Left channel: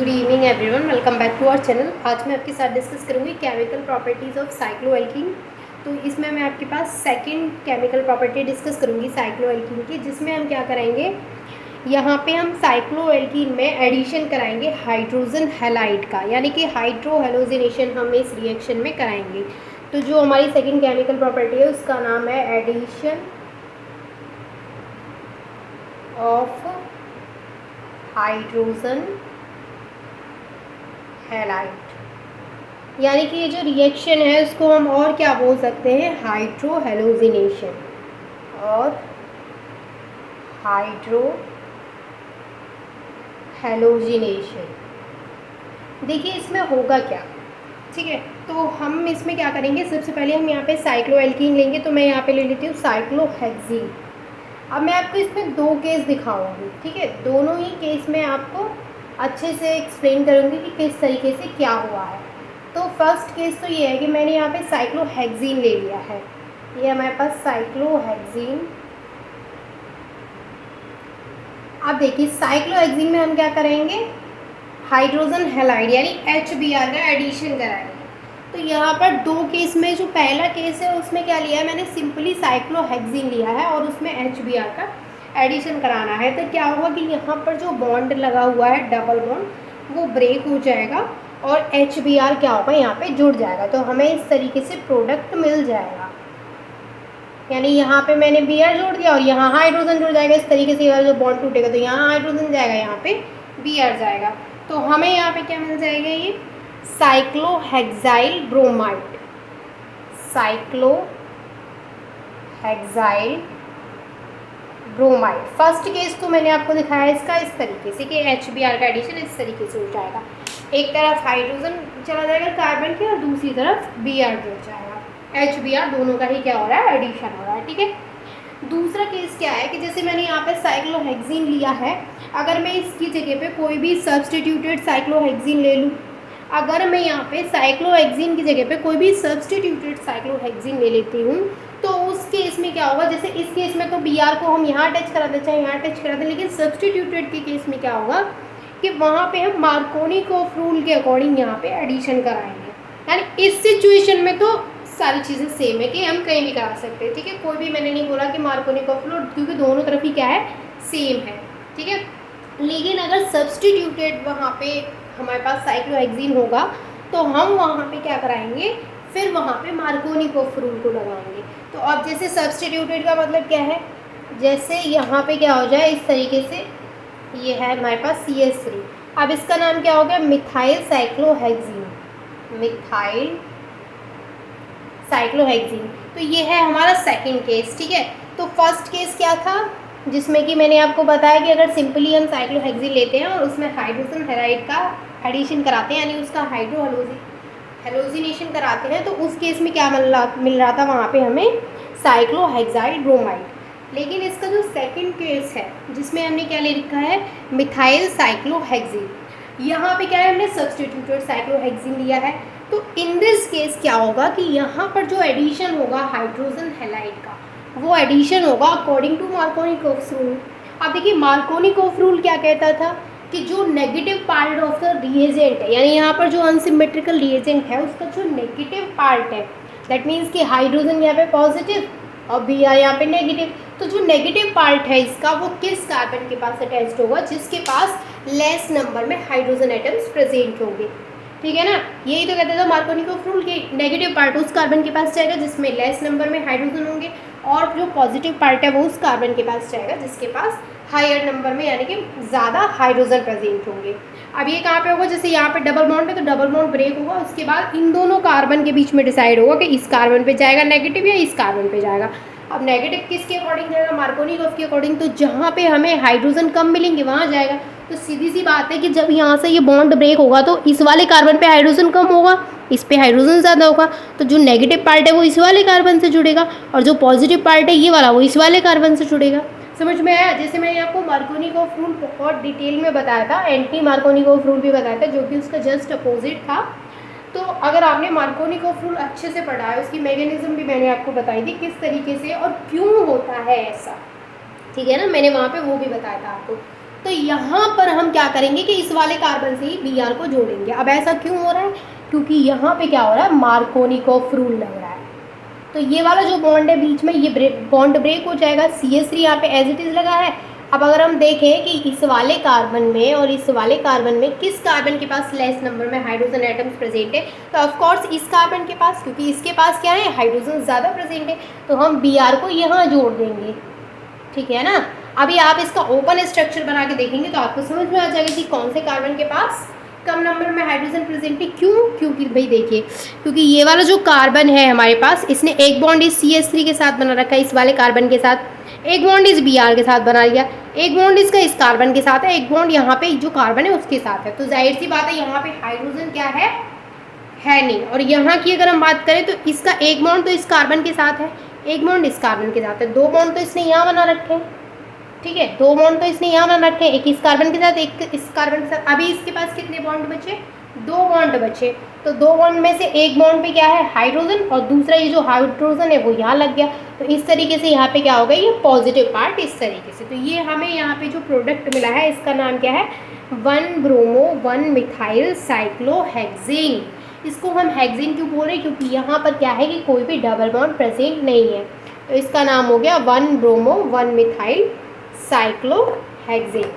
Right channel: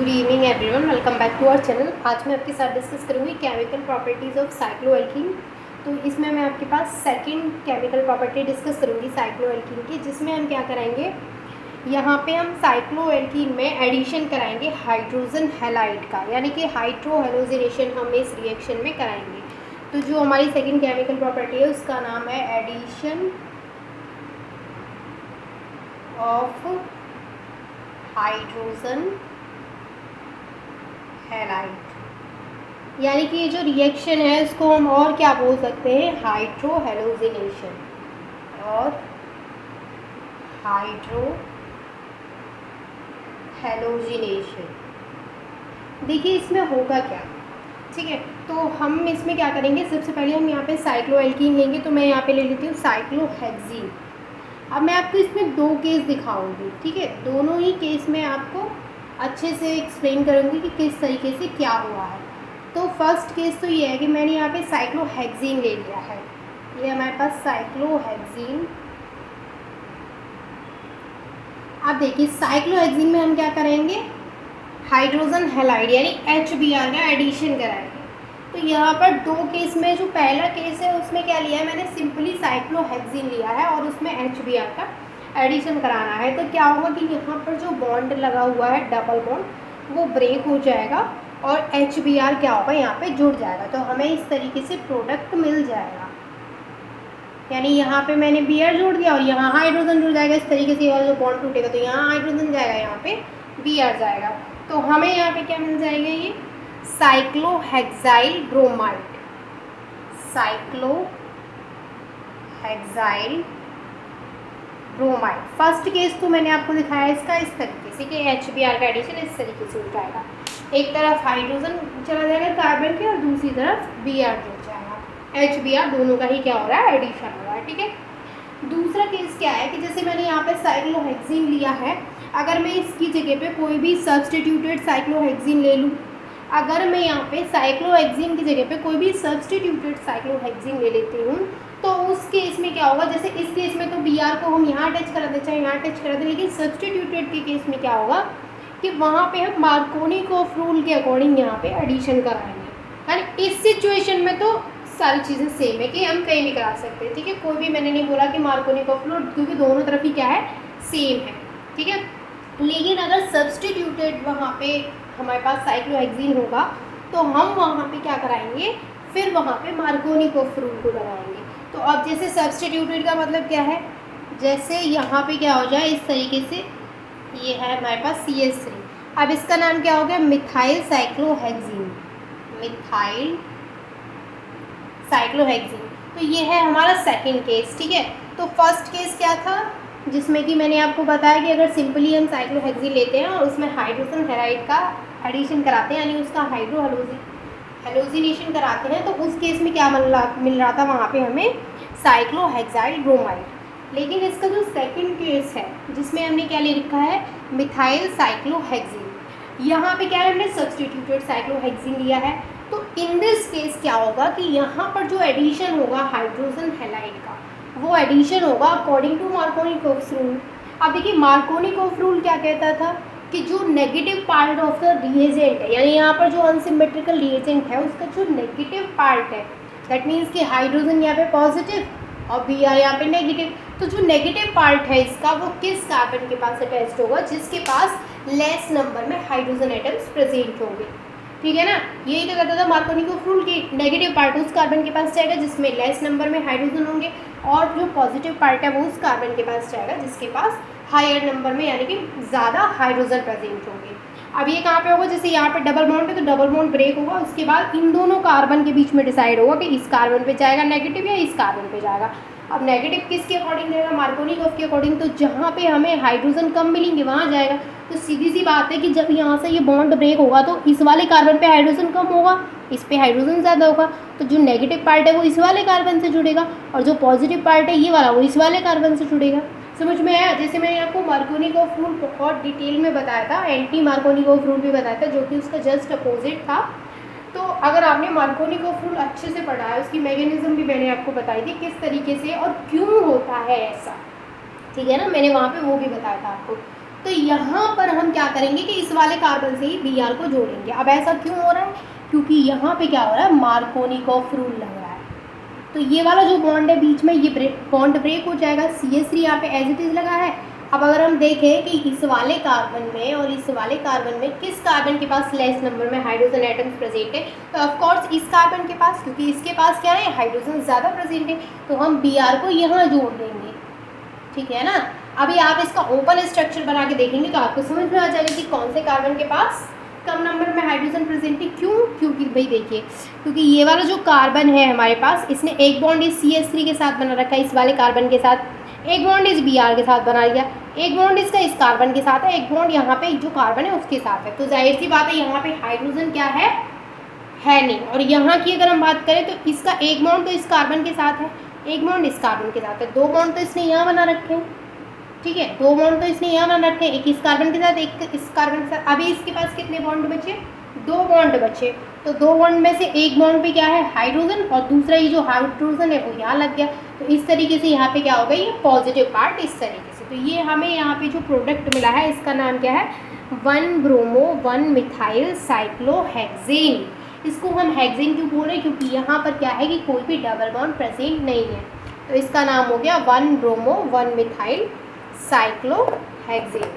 Good evening everyone, welcome back to our channel. आज मैं आपके साथ डिस्कस करूंगी केमिकल प्रॉपर्टीज़ ऑफ साइक्लोएल्कीन। तो इसमें मैं आपके पास सेकंड केमिकल प्रॉपर्टी डिस्कस करूंगी साइक्लोएल्कीन की, जिसमें हम क्या कराएंगे, यहाँ पे हम साइक्लोएल्कीन में एडिशन कराएंगे हाइड्रोजन हैलाइड का, यानी कि हाइड्रो हेलोजिनेशन हम इस रिएक्शन में कराएंगे। तो जो हमारी सेकेंड केमिकल प्रॉपर्टी है उसका नाम है एडिशन ऑफ हाइड्रोजन हैलाइड, यानी कि ये जो रिएक्शन है उसको हम और क्या बोल सकते हैं, हाइड्रो हेलोजिनेशन और हाइड्रो हेलोजिनेशन। देखिए इसमें होगा क्या, ठीक है। तो हम इसमें क्या करेंगे, सबसे पहले हम यहाँ पे साइक्लोएल्कीन लेंगे। तो मैं यहाँ पे ले लेती हूँ साइक्लोहेक्सीन। अब मैं आपको इसमें दो केस दिखाऊंगी, ठीक है। दोनों ही केस में आपको अच्छे से एक्सप्लेन करूँगी कि किस तरीके से क्या हुआ है। तो फर्स्ट केस तो ये है कि मैंने यहाँ पे साइक्लोहेक्सीन ले लिया है। ये हमारे पास साइक्लोहेक्सीन। अब देखिए साइक्लोहेक्सीन में हम क्या करेंगे, हाइड्रोजन हैलाइड यानी HBr का एडिशन कराएंगे। तो यहाँ पर दो केस में, जो पहला केस है उसमें क्या लिया है मैंने, सिंपली साइक्लोहेक्सीन लिया है और उसमें HBr का एडिशन कराना है। तो क्या होगा कि यहाँ पर जो बॉन्ड लगा हुआ है डबल बॉन्ड वो ब्रेक हो जाएगा और HBr क्या होगा यहाँ पे जुड़ जाएगा। तो हमें इस तरीके से प्रोडक्ट मिल जाएगा, यानी यहाँ पे मैंने Br जोड़ दिया और यहाँ हाइड्रोजन जुड़ जाएगा। इस तरीके से वाला जो बॉन्ड टूटेगा तो यहाँ हाइड्रोजन जाएगा, यहाँ पे Br जाएगा। तो हमें यहाँ पे क्या मिल जाएगा, ये cyclohexyl bromide. Cyclohexyl bromide first case तो मैंने आपको दिखाया इसका इस तरीके से कि HBr का एडिशन इस तरीके से हो जाएगा। एक तरफ हाइड्रोजन चला जाएगा कार्बन के और दूसरी तरफ Br जुड़ जाएगा। HBr दोनों का ही क्या हो रहा है, एडिशन हो रहा है, ठीक है। दूसरा केस क्या है कि जैसे मैंने यहाँ पर साइक्लोहेक्सीन लिया है, अगर मैं इसकी जगह पे कोई भी सब्सटीट्यूटेड साइक्लोहेक्सीन ले लूँ, अगर मैं यहाँ पे साइक्लोहेक्सीन की जगह पे कोई भी सब्सटीट्यूटेड साइक्लोहेक्सीन ले लेती हूँ, तो उस केस में क्या होगा, जैसे इस केस में तो Br को हम यहाँ अटैच करा दें चाहे यहाँ अटैच करा दें, लेकिन सब्सटीट्यूटेड के केस में क्या होगा कि वहाँ पे हम मार्कोनिकॉफ रूल के अकॉर्डिंग यहाँ पे एडिशन कराएंगे। यानी इस सिचुएशन में तो सारी चीज़ें सेम है कि हम कहीं भी करा सकते हैं, ठीक है। कोई भी मैंने नहीं बोला कि मार्कोनिकॉफ रूल, क्योंकि दोनों तरफ ही क्या है, सेम है, ठीक है। लेकिन अगर सब्सटीट्यूटेड वहाँ पे हमारे पास साइक्लोहेक्सीन होगा तो हम वहाँ पे क्या कराएंगे, फिर वहाँ पे मार्कोनिकॉफ रूल को लगाएंगे। तो अब जैसे सब्सटीट्यूटेड का मतलब क्या है, जैसे यहाँ पे क्या हो जाए इस तरीके से, ये है हमारे पास CH3। अब इसका नाम क्या हो गया, मिथाइल साइक्लोहेक्सीन। Methyl cyclohexene. तो ये है हमारा सेकंड केस, ठीक है। तो फर्स्ट केस क्या था, जिसमें कि मैंने आपको बताया कि अगर सिंपली हम साइक्लोहेक्सीन लेते हैं और उसमें हाइड्रोजन हैलाइड का एडिशन कराते हैं, यानी उसका हाइड्रो हेलोजिनेशन कराते हैं, तो उस केस में क्या मिल रहा था वहाँ पे हमें साइक्लोहेक्साइल ब्रोमाइड। लेकिन इसका जो सेकंड केस है जिसमें हमने क्या ले रखा है, मिथाइल साइक्लोहेक्सीन, यहाँ पे क्या है, हमने सब्सटीट्यूटेड साइक्लोहेक्सीन लिया है। तो इन दिस केस क्या होगा कि यहाँ पर जो एडिशन होगा हाइड्रोजन हैलाइड का, वो एडिशन होगा अकॉर्डिंग टू मार्कोनिकॉफ रूल। अब देखिए मार्कोनिकॉफ रूल क्या कहता था कि जो negative part of the reagent है, यानी यहाँ पर जो अनसिमेट्रिकल रिएजेंट है उसका जो नेगेटिव पार्ट है, दैट मीन्स कि हाइड्रोजन यहाँ पे पॉजिटिव और Br यहाँ पे नेगेटिव, तो जो नेगेटिव पार्ट है इसका वो किस कार्बन के पास अटैच्ड होगा, जिसके पास लेस नंबर में हाइड्रोजन एटम्स प्रेजेंट होंगे, ठीक है ना। यही तो कहता था मार्कोनिकॉफ रूल कि नेगेटिव पार्ट उस कार्बन के पास जाएगा जिसमें लेस नंबर में हाइड्रोजन होंगे, और जो पॉजिटिव पार्ट है वो उस कार्बन के पास जाएगा जिसके पास हायर नंबर में, यानी कि ज़्यादा हाइड्रोजन प्रेजेंट होंगे। अब ये कहाँ पे होगा, जैसे यहाँ पे डबल बॉन्ड पे तो डबल बॉन्ड ब्रेक होगा, उसके बाद इन दोनों कार्बन के बीच में डिसाइड होगा कि इस कार्बन पे जाएगा नेगेटिव या इस कार्बन पे जाएगा। अब नेगेटिव किसके अकॉर्डिंग जाएगा, मार्कोनिकॉफ के अकॉर्डिंग। तो जहाँ पे हमें हाइड्रोजन कम मिलेंगे वहाँ जाएगा। तो सीधी सी बात है कि जब यहाँ से ये बॉन्ड ब्रेक होगा तो इस वाले कार्बन पे हाइड्रोजन कम होगा, इस पे हाइड्रोजन ज़्यादा होगा, तो जो नेगेटिव पार्ट है वो इस वाले कार्बन से जुड़ेगा और जो पॉजिटिव पार्ट है ये वाला वो इस वाले कार्बन से जुड़ेगा। समझ में आया। जैसे मैंने आपको मार्कोनिकॉफ रूल बहुत डिटेल में बताया था, एंटी मार्कोनिकॉफ रूल भी बताया था जो कि उसका जस्ट अपोजिट था। तो अगर आपने मार्कोनिकॉफ रूल अच्छे से पढ़ा है, उसकी मैकेनिज्म भी मैंने आपको बताई थी किस तरीके से और क्यों होता है ऐसा, ठीक है ना, मैंने वहाँ पे वो भी बताया था आपको। तो यहाँ पर हम क्या करेंगे कि इस वाले कार्बन से ही Br को जोड़ेंगे। अब ऐसा क्यों हो रहा है? क्योंकि यहाँ पे क्या हो रहा है, मार्कोनिकॉफ रूल लग रहा है। तो ये वाला जो बॉन्ड है बीच में, ये बॉन्ड ब्रेक हो जाएगा। CH3 यहाँ पे एज इट इज़ लगा है। अब अगर हम देखें कि इस वाले कार्बन में और इस वाले कार्बन में किस कार्बन के पास लेस नंबर में हाइड्रोजन एटम्स प्रेजेंट है, तो ऑफ कोर्स इस कार्बन के पास, क्योंकि इसके पास क्या है, हाइड्रोजन ज़्यादा प्रेजेंट है, तो हम Br को यहाँ जोड़ देंगे। ठीक है ना। अभी आप इसका ओपन स्ट्रक्चर बना के देखेंगे तो आपको समझ में आ जाएगा कि कौन से कार्बन के पास कम नंबर में हाइड्रोजन प्रेजेंट है। क्यों? क्योंकि भाई देखिए, क्योंकि ये वाला जो कार्बन है हमारे पास, इसने एक बॉन्ड इस CH3 के साथ बना रखा है, इस वाले कार्बन के साथ, एक बॉन्ड इस Br के साथ बना लिया, एक बॉन्ड इसका इस कार्बन के साथ है, एक बॉन्ड यहाँ पे जो कार्बन है उसके साथ है। तो जाहिर सी बात है यहाँ पे हाइड्रोजन क्या है नहीं। और यहाँ की अगर हम बात करें तो इसका एक बॉन्ड तो इस कार्बन के साथ है, एक बॉन्ड इस कार्बन के साथ है, दो बॉन्ड तो इसने यहाँ बना रखे हैं। ठीक है, दो बॉन्ड तो इसने यहाँ बना रखे हैं, एक इस कार्बन के साथ, एक इस कार्बन के साथ। अभी इसके पास कितने बॉन्ड बचे? दो बॉन्ड बचे। तो दो बॉन्ड में से एक बॉन्ड पे क्या है, हाइड्रोजन, और दूसरा ये जो हाइड्रोजन है वो यहाँ लग गया। तो इस तरीके से यहाँ पे क्या होगा, ये पॉजिटिव पार्ट इस तरीके से। तो ये हमें यहाँ पे जो प्रोडक्ट मिला है इसका नाम क्या है, 1-ब्रोमो 1-मिथाइल साइक्लोहेक्सेन। इसको हम हेक्सेन क्यों बोल रहे हैं? क्योंकि यहाँ पर क्या है कि कोई भी डबल बॉन्ड प्रेजेंट नहीं है। तो इसका नाम हो गया 1-ब्रोमो 1-मिथाइल साइक्लोहेक्सेन।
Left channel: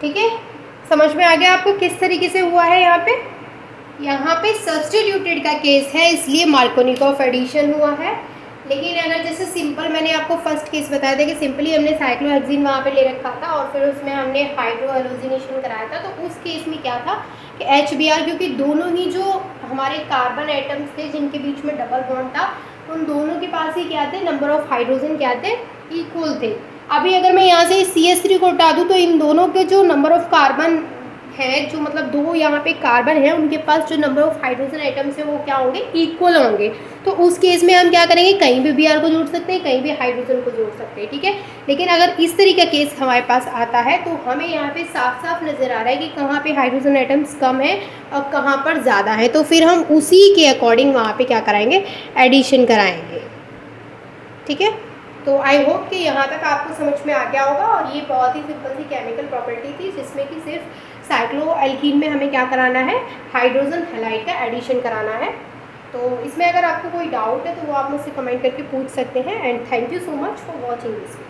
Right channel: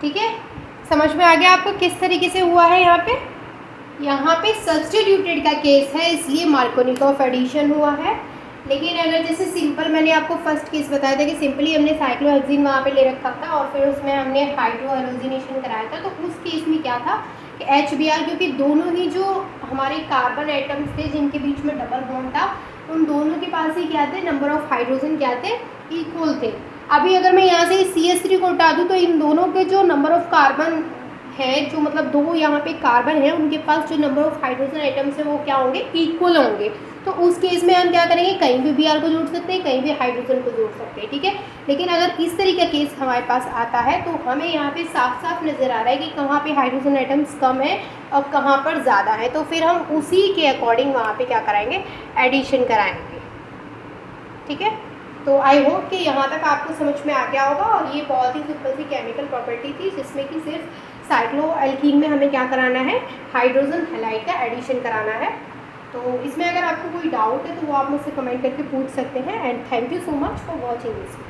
ठीक है, समझ में आ गया आपको किस तरीके से हुआ है। यहाँ पे सब्स्टिट्यूटेड का केस है, इसलिए मार्कोनिकॉफ एडिशन हुआ है। लेकिन अगर जैसे सिंपल, मैंने आपको फर्स्ट केस बताया था कि सिंपली हमने साइक्लोहेक्सेन वहाँ पे ले रखा था और फिर उसमें हमने हाइड्रोहेलोजिनेशन कराया था। तो उस केस में क्या था कि HBr, क्योंकि दोनों ही जो हमारे कार्बन एटम्स थे जिनके बीच में डबल बॉन्ड था, उन दोनों के पास ही क्या थे, नंबर ऑफ हाइड्रोजन क्या थे, इक्वल थे। अभी अगर मैं यहाँ से CH3 को हटा दूँ तो इन दोनों के जो नंबर ऑफ कार्बन है, जो मतलब दो यहाँ पे कार्बन है, उनके पास जो नंबर ऑफ हाइड्रोजन आइटम्स है वो क्या होंगे, इक्वल होंगे। तो उस केस में हम क्या करेंगे, कहीं भी Br को जोड़ सकते हैं, कहीं भी हाइड्रोजन को जोड़ सकते हैं। ठीक है, लेकिन अगर इस तरीके का केस हमारे पास आता है तो हमें यहाँ पे साफ साफ नज़र आ रहा है कि कहाँ पे हाइड्रोजन आइटम्स कम है और कहाँ पर ज़्यादा है। तो फिर हम उसी के अकॉर्डिंग वहाँ पे क्या कराएंगे, एडिशन कराएंगे। ठीक है, तो आई होप कि यहाँ तक आपको समझ में आ गया होगा। और ये बहुत ही सिंपल सी केमिकल प्रॉपर्टी थी जिसमें कि सिर्फ साइक्लोएल्कीन में हमें क्या कराना है, हाइड्रोजन हैलाइड का एडिशन कराना है। तो इसमें अगर आपको कोई डाउट है तो वो आप मुझसे कमेंट करके पूछ सकते हैं। And thank you so much for watching this.